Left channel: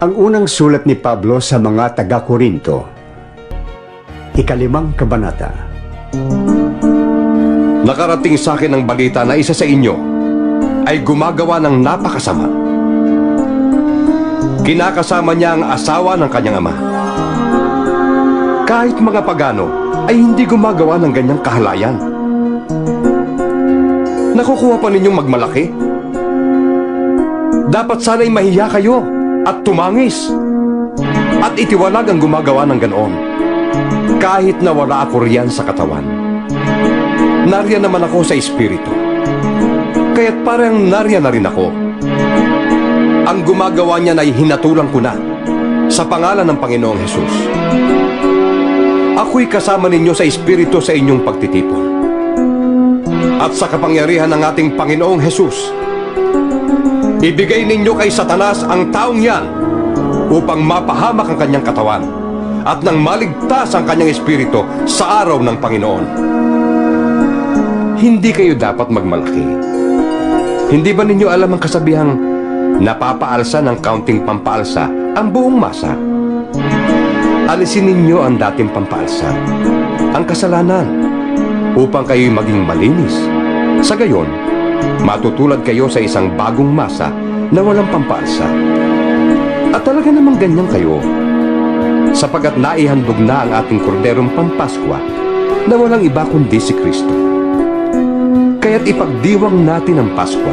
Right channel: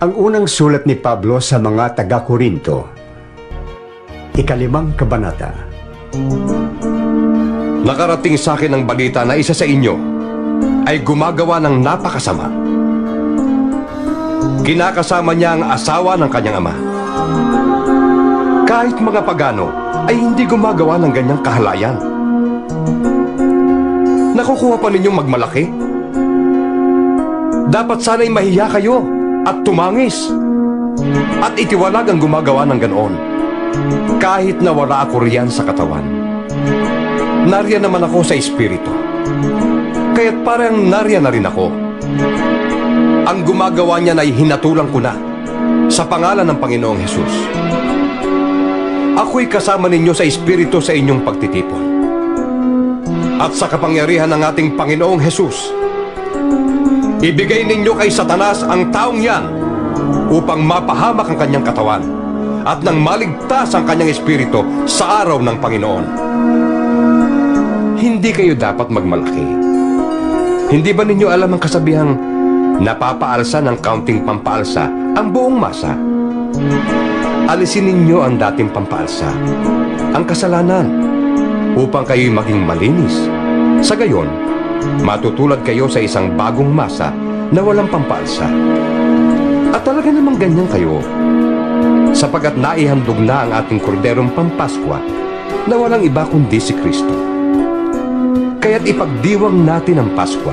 Ang unang sulat ni Pablo sa mga taga-Korinto, ikalimang kabanata. Nakarating sa akin ang balita na isa sa inyo ay gumagawa ng napakasama. Kinakasama niya ang asawa ng kanyang ama. Kahit mga pagano ay hindi gumagawa ng ganyang kahalayan. Nakukuha pa ninyong magmalaki? Dapat sana'y mahiya kayo at tumangis at itiwalag ang gumagawa ng ganoon. Kahit na wala ako riyan sa katawan. Nariyan naman ako sa espiritu. Kaya't parang nariyan na rin ako. Ang gumagawa niya ay hinatulang ko na sa pangalan ng Panginoong Hesus. Ako'y kasama ninyo sa espiritu sa inyong pagtitipon. At sa kapangyarihan ng ating Panginoong Hesus, ibigay ninyo kay Satanas ang taong yan upang mapahamak ang kanyang katawan at nang maligtas ang kanyang espiritu sa araw ng Panginoon. Hindi kayo dapat magmalaki. Hindi ba ninyo alam ang kasabihang napapaalsa ng kaunting pampaalsa ang buong masa? Alisin ninyo ang dating pampaalsa, ang kasalanan, upang kayo'y maging malinis. Sa gayon, matutulad kayo sa isang bagong masa na walang pampaalsa. At talaga namang ganyan kayo, sapagat naihandog na ang ating korderong pampaskwa na walang iba kundi si Kristo. Kaya't ipagdiwang natin ang Paskwa,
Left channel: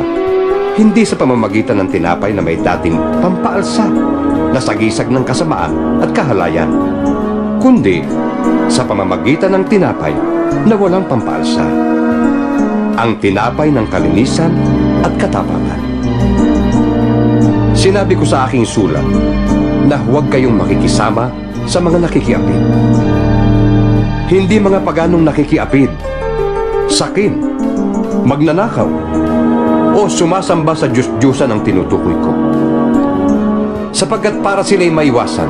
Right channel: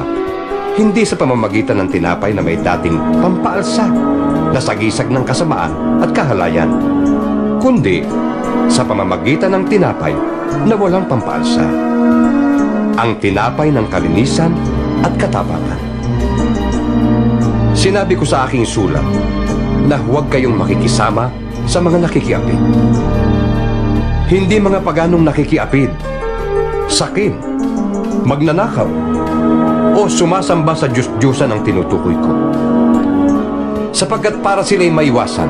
hindi sa pamamagitan ng tinapay na may dating pampaalsa na sagisag ng kasamaan at kahalayan, kundi sa pamamagitan ng tinapay na walang pampaalsa, ang tinapay ng kalinisan at katapangan. Sinabi ko sa aking sulat na huwag kayong makikisama sa mga nakikiapid. Hindi mga paganong nakikiapid, sakim, magnanakaw, o sumasamba sa Diyos-Diyosan ang tinutukoy ko. Sapagkat para sila'y maiwasan,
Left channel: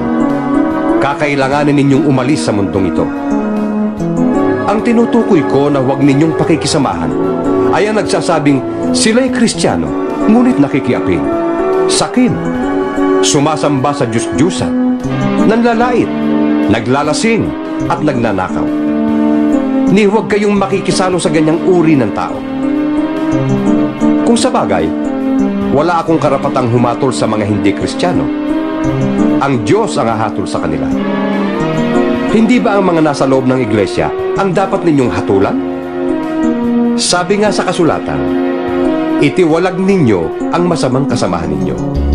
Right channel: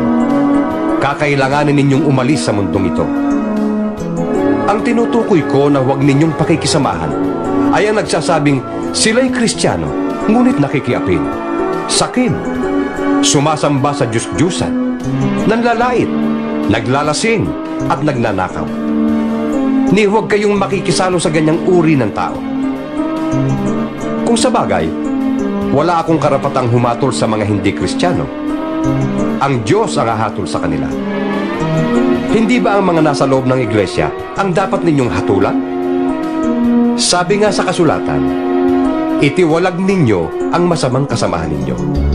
kakailanganin ninyong umalis sa mundong ito. Ang tinutukoy ko na huwag ninyong pakikisamahan ay ang nagsasabing sila'y kristyano, ngunit nakikiapid, sakim, sumasamba sa Diyos-Diyosan, nanlalait, naglalasing, at nagnanakaw. Ni huwag kayong makikisalo sa ganyang uri ng tao. Kung sa bagay, wala akong karapatang humatol sa mga hindi kristyano. Ang Diyos ang hahatol sa kanila. Hindi ba ang mga nasa loob ng iglesia ang dapat ninyong hatulan? Sabi nga sa kasulatan, itiwalag ninyo ang masamang kasamahan ninyo.